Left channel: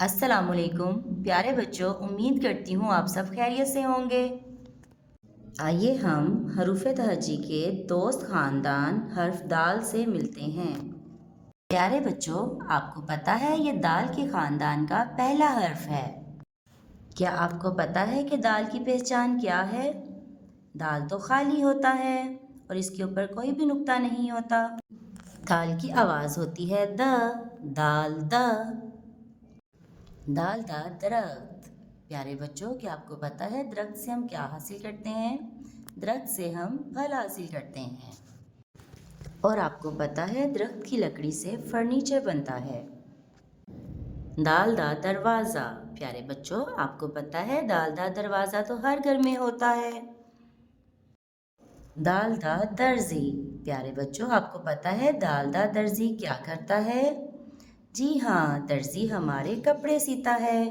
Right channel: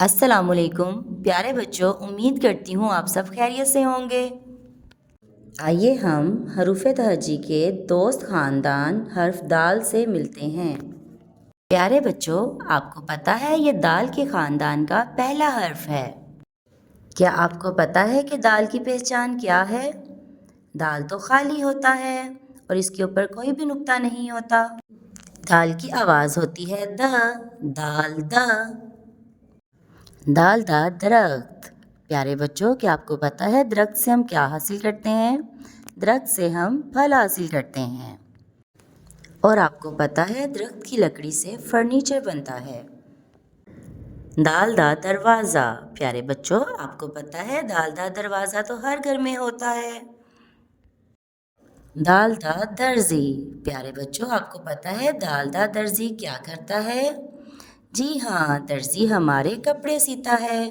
السلام علیکم پیارے بچوں، امید کرتی ہوں آپ سب خیریت سے ہوں گے۔ آئیے ہم حروف تہجی کے دوست خاندان حرف دال سے ملتے ہیں۔ پیارے بچوں، آپ کو پتہ ہے یہ دال کے خاندان کا پہلا حرف ہے۔ کیا آپ کو پتہ ہے کہ دال کی پہچان کیا ہے؟ دال تو خالی ہوتا ہے اور اس کے اوپر کوئی بھی نقطہ نہیں ہوتا۔ دال کی آواز ہوتی ہے د، دال د۔ دال دا درخت۔ پیارے بچوں، کیا آپ کو پتہ ہے درخت سے ہم کیا حاصل کرتے ہیں؟ درخت سے ہم پھل حاصل کرتے ہیں۔ اور آپ کو پتہ ہے درخت کی لکڑی سے فرنیچر بنتا ہے۔ دال دا دروازہ۔ پیارے بچوں، آپ کو پتہ ہے دال دا دروازہ تو ہر گھر میں ہوتا ہے۔ دال دا درزی۔ پیارے بچوں، آپ کو پتہ ہے دال دا درزی کیا کرتا ہے؟ جی ہاں، درزی ہمارے کپڑے سیتا ہے۔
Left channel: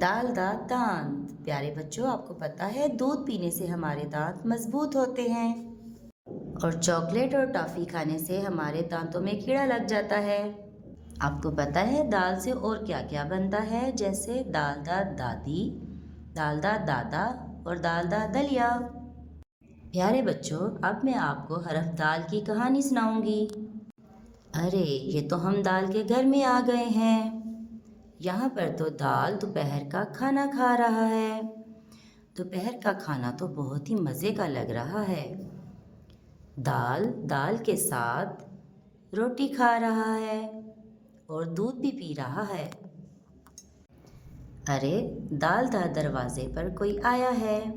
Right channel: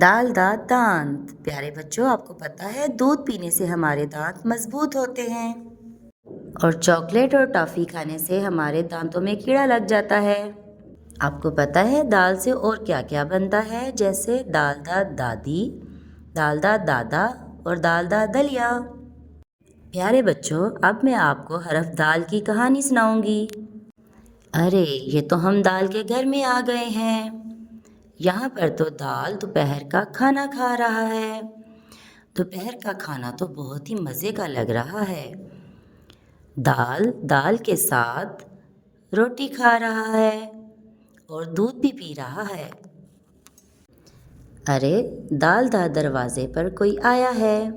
دال دا دانت۔ پیارے بچوں، آپ کو پتہ ہے دودھ پینے سے ہمارے دانت مضبوط ہوتے ہیں اور چاکلیٹ اور ٹافی کھانے سے ہمارے دانتوں میں کیڑا لگ جاتا ہے۔ آپ کو پتہ ہے دال سے اور کیا کیا بنتا ہے؟ جیسے دال دا دادی، دال دا دادا اور دال دا دلیا۔ پیارے بچوں، اب میں آپ کو حرف دال کی کہانی سناؤں گی۔ ارے یہ تو ہم دال کے گھر میں آ گئے ہیں۔ یہاں پر تو دال دوپہر کا کھانا کھا رہا ہے۔ دوپہر کا کھانا تو بہت ہی مزے کا لگ رہا ہے۔ دال کے ساتھ روٹی کھا رہا ہے اور دودھ بھی پی رہا ہے۔ ارے دال دا دروازے پر کوئی آیا ہے۔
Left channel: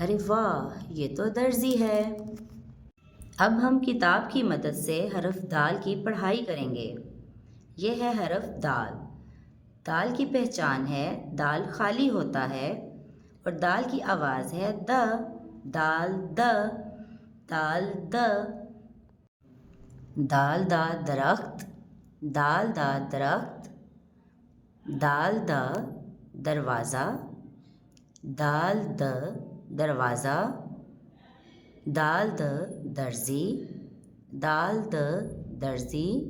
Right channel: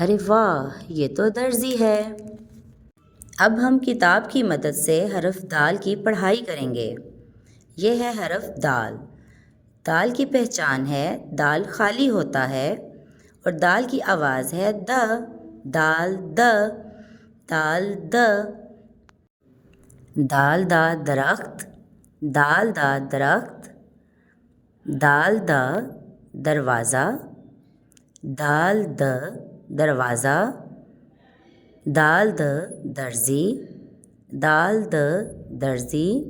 ارے واہ، یہ تو درزی ہے۔ اب ہم کتاب کی مدد سے حرف دال کی پڑھائی کریں گے۔ یہ ہے حرف دال۔ دال کی پہچان ہے دال خالی ہوتا ہے اور دال کی آواز ہے د، دال د، دال د۔ دال دا درخت، دال دا درخت، دال دا دروازہ، دال د دروازہ، دال د درزی، دال د درزی،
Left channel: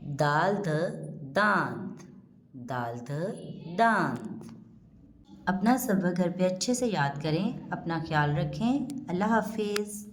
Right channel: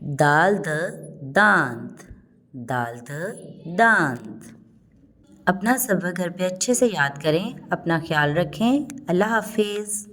دال د دانت، دال د دانت۔ اپنا سبق گھر پہ اچھے سے یاد کریں، اپنا خیال رکھیں۔ اللہ حافظ۔